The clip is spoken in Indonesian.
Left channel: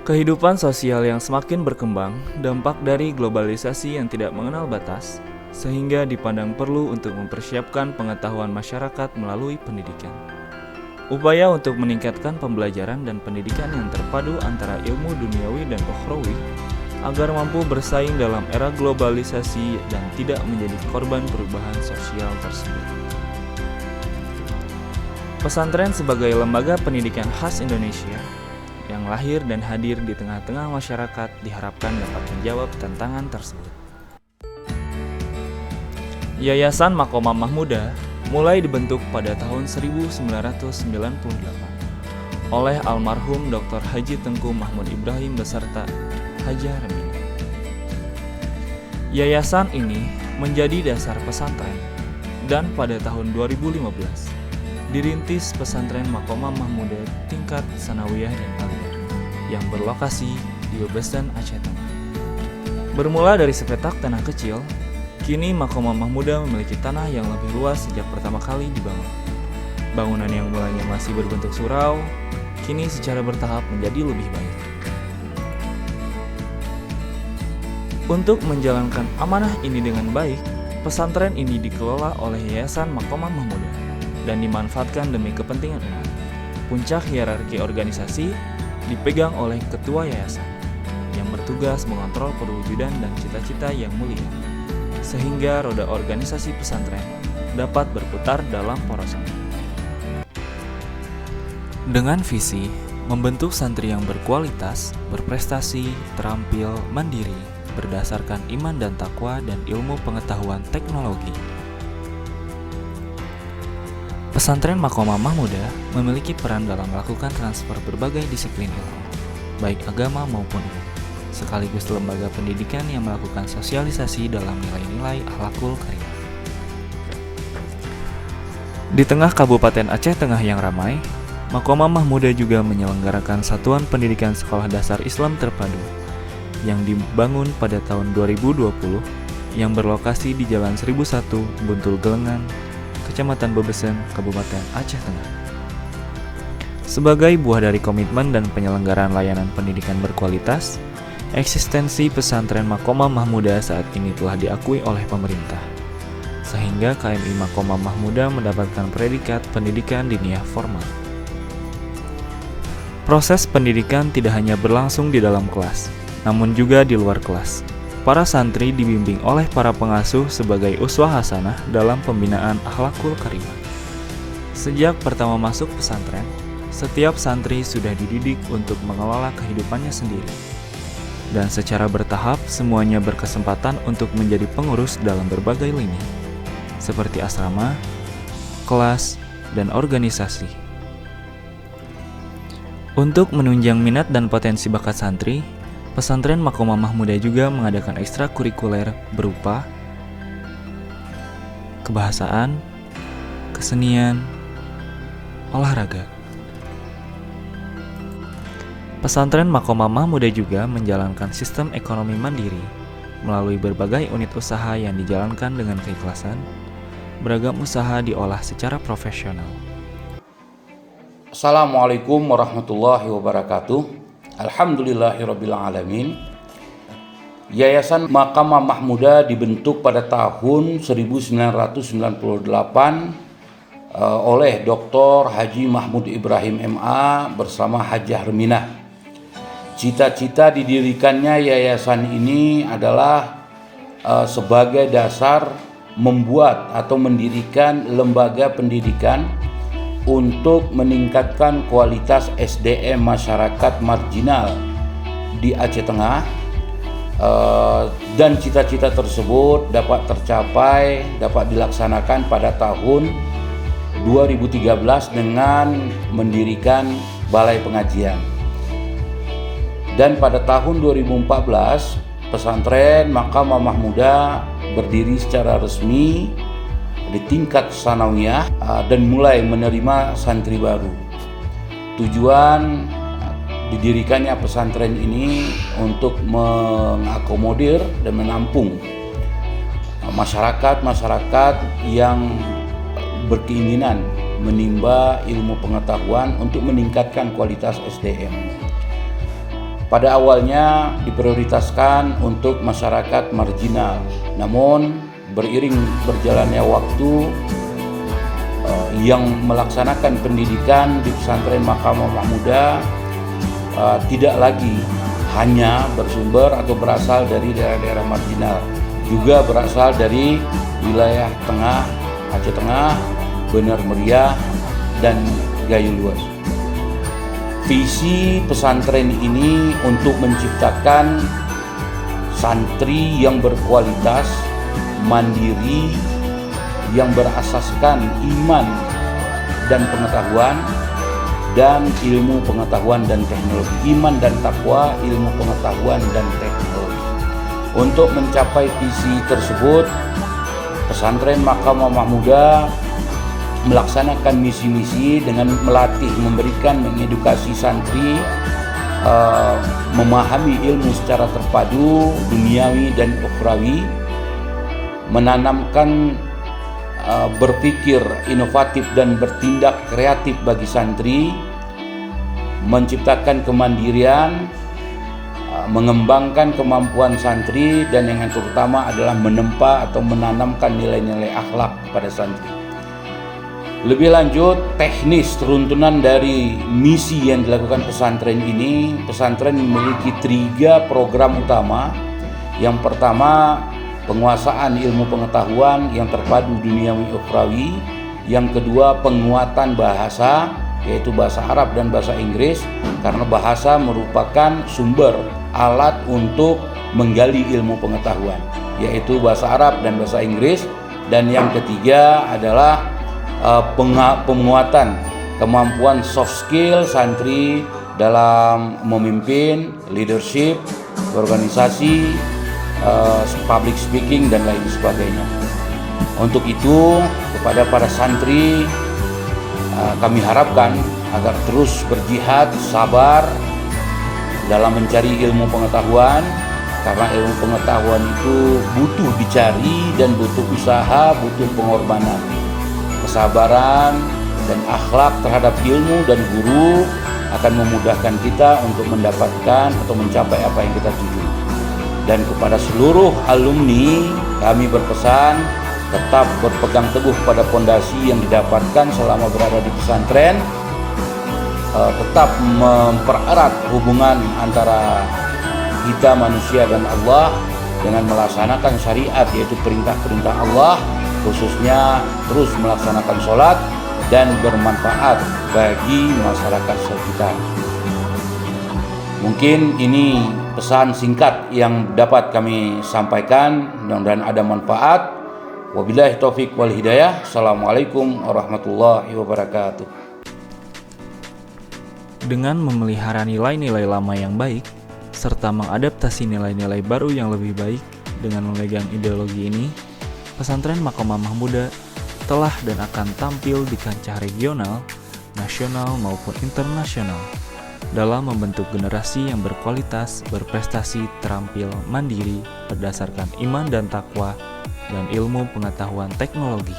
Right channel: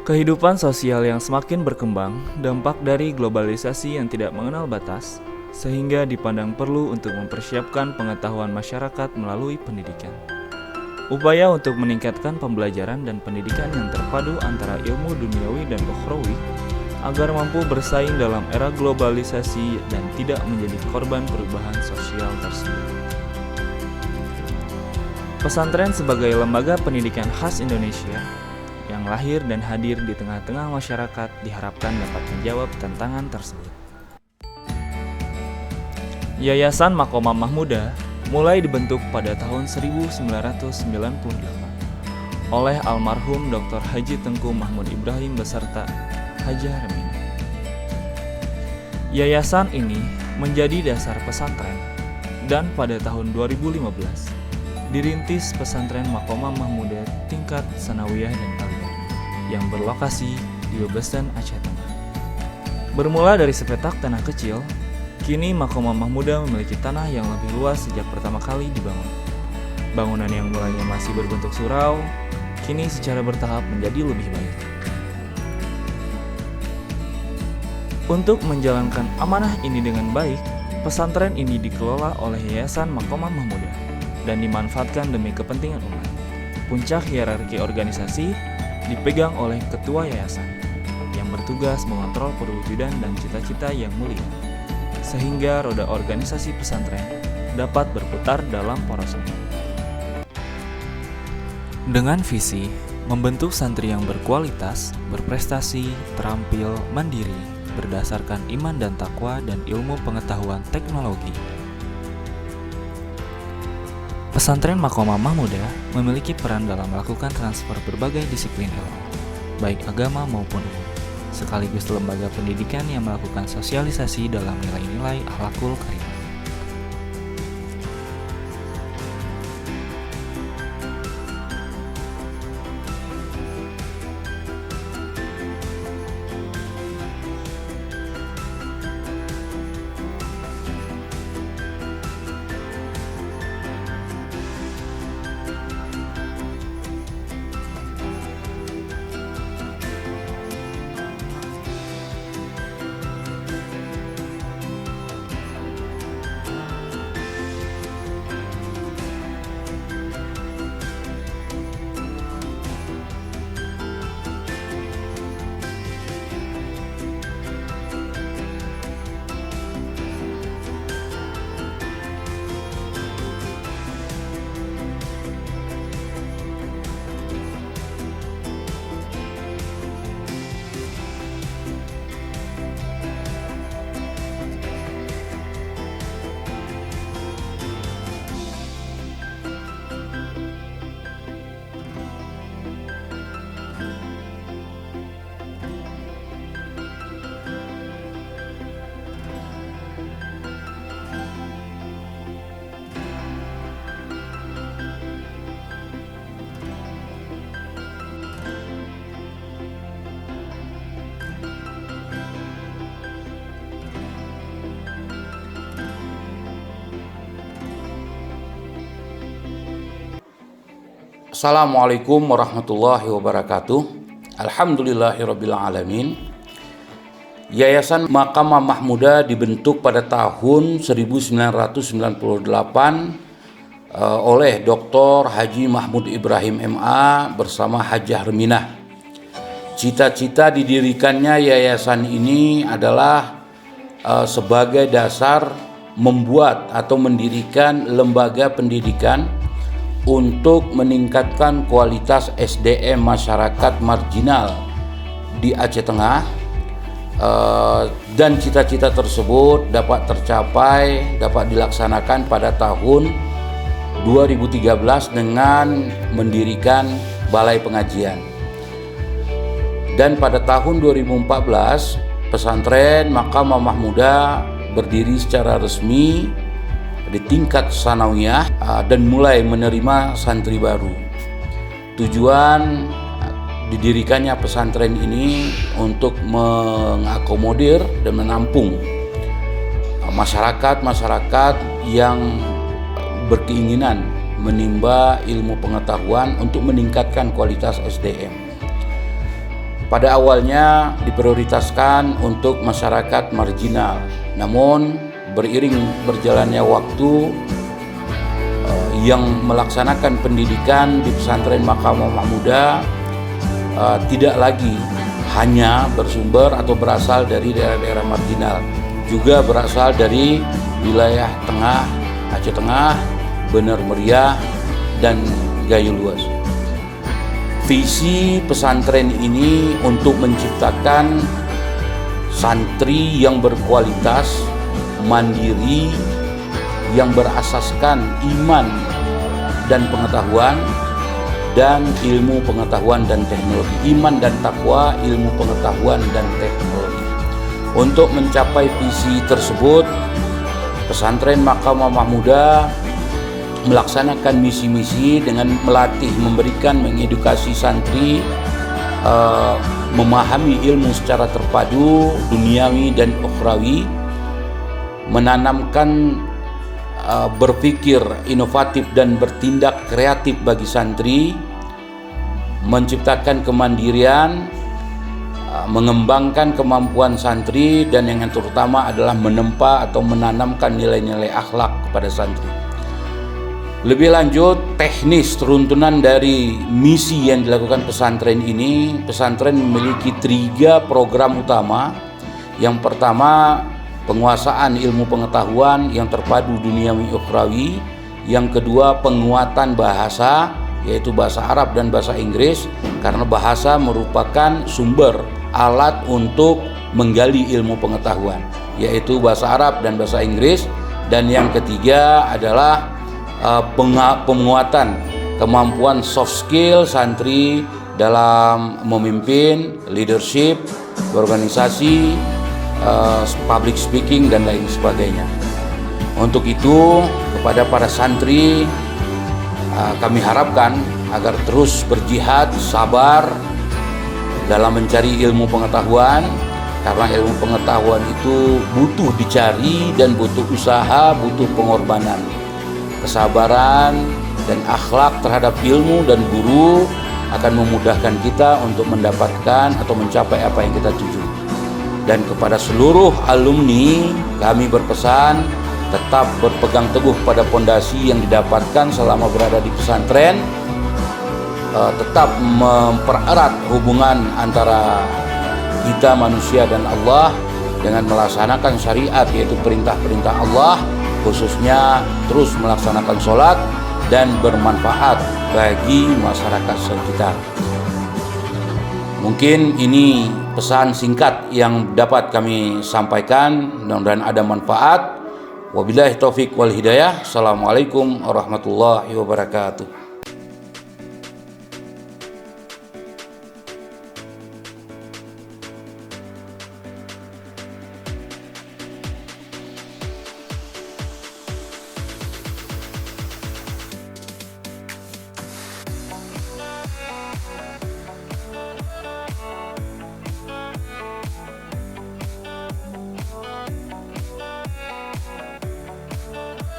Kehidupan sosial yang semakin berkembang, dampak dari globalisasi yang tidak mengenal batas, sehingga dipandang perlu untuk mempersiapkan pengetahuan masyarakat melalui pendidikan. Upaya untuk meningkatkan pembelajaran dan pendidikan yang terpadu antara ilmu duniawi dan ukhrawi agar mampu bersaing dalam era globalisasi dan tidak menjadi korban perubahan sosial tersebut. Pesantren sebagai lembaga pendidikan khas Indonesia yang lahir dan hadir di tengah-tengah masyarakat diharapkan dapat menjawab tantangan tersebut. Yayasan Makomah Mahmuda mulai dibentuk pada tahun 1998 oleh almarhum Dr. Haji Tengku Mahmud Ibrahim beserta Hajah Remina. Yayasan ini menjadi dasar pesantren dan pada tahun 2015 dirintis pesantren Makomah Mahmuda tingkat sanawiyah dan aliyah yang berlokasi di Bebesen, Aceh Tengah. Bermula dari sepetak tanah kecil, kini Makomah Mahmuda memiliki tanah yang lebih luas sejak pertama kali dibangun. Bangunan yang mulanya masih berbentuk surau, kini secara bertahap menjadi lebih baik. Untuk menjalankan amanah ini dengan baik, pesantren ini dikelola oleh Yayasan Makomah Mahmuda dan dimanfaatkan demi kepentingan umat. Puncak hierarki organisasi dipegang oleh ketua yayasan yang bertugas mengontrol perwujudan dan cita-cita yang mulia, sehingga roda organisasi pesantren dapat berputar dalam porosnya. Dengan visi membentuk santri yang berkualitas, berprestasi, terampil, mandiri, berdasarkan iman dan takwa dan ilmu pengetahuan teknologi. Pesantren Makomah Mahmuda memiliki peran dalam melakukan transfer berbagai disiplin ilmu, baik agama maupun umum, sekaligus lembaga pendidikan yang melakukan sosialisasi dalam nilai-nilai akhlakul karimah. Di tengah Kabupaten Aceh Tengah yang ramai, Makomah Mahmuda juga menyelenggarakan Satuan Pendidikan Sekolah Dasar Islam Terpadu yang dibangun pada tahun 2020 yang berlokasi di Jalan 1001, Buntul Gelengan, Kecamatan Bebesen, Kabupaten Aceh Tengah. Sebagai buah dari komitmen dan penyelenggaraan layanan pendidikan berkualitas, eksistensi pesantren Makomah Mahmuda saat ini telah diakui oleh pemerintah, sehingga KMI Makomah Mahmuda mendapatkan predikat pendidikan diniyah formal. Proses pendidikan tidak hanya berlangsung di dalam kelas, namun juga di luar kelas. Para santri dibimbing oleh para pengasuh sebagai uswah hasanah dalam pembinaan akhlakul karimah. Sejak pertama masuk pesantren, setiap santri sudah dididik untuk mengelola kehidupannya sendiri. Dan secara bertahap, semuanya berkesempatan untuk menjadi pengurus dalam berbagai lini, seperti asrama, kelas, dan organisasi. Untuk menunjang minat dan potensi bakat santri, pesantren Makomah Mahmuda juga mengadakan ekstrakurikuler berupa kebahasaan, kesenian, olahraga. Pesantren Makomah Mahmuda juga menjalankan sistem ekonomi mandiri melalui berbagai unit usaha yang dijalankan dengan keikhlasan. Beragam usaha diolah secara profesional. Assalamualaikum warahmatullahi wabarakatuh. Alhamdulillahirabbil alamin. Yayasan Makomah Mahmuda dibentuk pada tahun 1998 oleh Dr. Haji Mahmud Ibrahim MA bersama Hajah Reminah. Cita-cita didirikannya yayasan ini adalah sebagai dasar membuat atau mendirikan lembaga pendidikan untuk meningkatkan kualitas SDM masyarakat marginal di Aceh Tengah, dan cita-cita tersebut dapat tercapai, dapat dilaksanakan pada tahun 2013 dengan mendirikan balai pengajian. Dan pada tahun 2014 pesantren Makomah Mahmuda berdiri secara resmi di tingkat sanawiyah dan mulai menerima santri baru. Tujuan didirikannya pesantren ini untuk mengakomodir dan menampung masyarakat yang berkeinginan menimba ilmu pengetahuan untuk meningkatkan kualitas SDM. pada awalnya diprioritaskan untuk masyarakat marginal. Namun beriring berjalannya waktu, yang melaksanakan pendidikan di pesantren Makamah Mahmudah tidak lagi hanya bersumber atau berasal dari daerah-daerah marginal, juga berasal dari wilayah tengah, Aceh Tengah, Bener Meriah, dan Gayo Luas. Visi pesantren ini untuk menciptakan santri yang berkualitas, mandiri, yang berasaskan iman dan pengetahuan dan ilmu pengetahuan dan teknologi. Iman dan takwa, ilmu pengetahuan dan teknologi. Untuk mencapai visi tersebut, pesantren Makamah Mahmudah melaksanakan misi-misi dengan melatih, memberikan, mengedukasi santri memahami ilmu secara terpadu, duniawi dan ukhrawi, menanamkan berpikir inovatif dan bertindak kreatif bagi santri, menciptakan kemandirian, mengembangkan kemampuan santri, dan yang terutama adalah menempa atau menanamkan nilai-nilai akhlak kepada santri. Lebih lanjut, teknis runtunan dari misi yang dilakukan pesantren ini, pesantren memiliki 3 program utama. Yang pertama, penguasaan ilmu pengetahuan yang terpadu duniawi ukhrawi. Yang kedua, penguatan bahasa, yaitu bahasa Arab dan bahasa Inggris, karena bahasa merupakan sumber alat untuk menggali ilmu pengetahuan, yaitu bahasa Arab dan bahasa Inggris. Dan yang ketiga adalah penguatan kemampuan soft skill santri dalam memimpin, leadership, organisasi, public speaking, dan lain sebagainya. Untuk itu, kepada para santri kami harapkan agar terus berjihad, sabar dalam mencari ilmu pengetahuan, karena ilmu pengetahuan itu butuh dicari dan butuh usaha, butuh pengorbanan. Kesabaran dan akhlak terhadap ilmu dan guru akan memudahkan kita untuk mendapatkan atau mencapai apa yang kita tuju. Dan kepada seluruh alumni kami berpesan tetap berpegang teguh pada pondasi yang didapatkan selama berada di pesantren, tetap mempererat hubungan antara kita manusia dan Allah dengan melaksanakan syariat, yaitu perintah-perintah Allah, khususnya terus melaksanakan sholat dan bermanfaat bagi masyarakat sekitar. Mungkin ini pesan singkat yang dapat kami sampaikan, mudah-mudahan ada manfaat. Wabillahi taufik wal hidayah. Assalamualaikum warahmatullahi wabarakatuh. Dengan memelihara nilai-nilai lama yang baik, serta mengadaptasi nilai-nilai baru yang lebih baik dengan memegang ideologi ini, pesantren Makamah Mahmudah telah dan akan tampil di kancah regional, nasional maupun internasional dalam membentuk generasi yang berkualitas, berprestasi, terampil, mandiri, berdasarkan iman dan takwa, dan ilmu pengetahuan teknologi.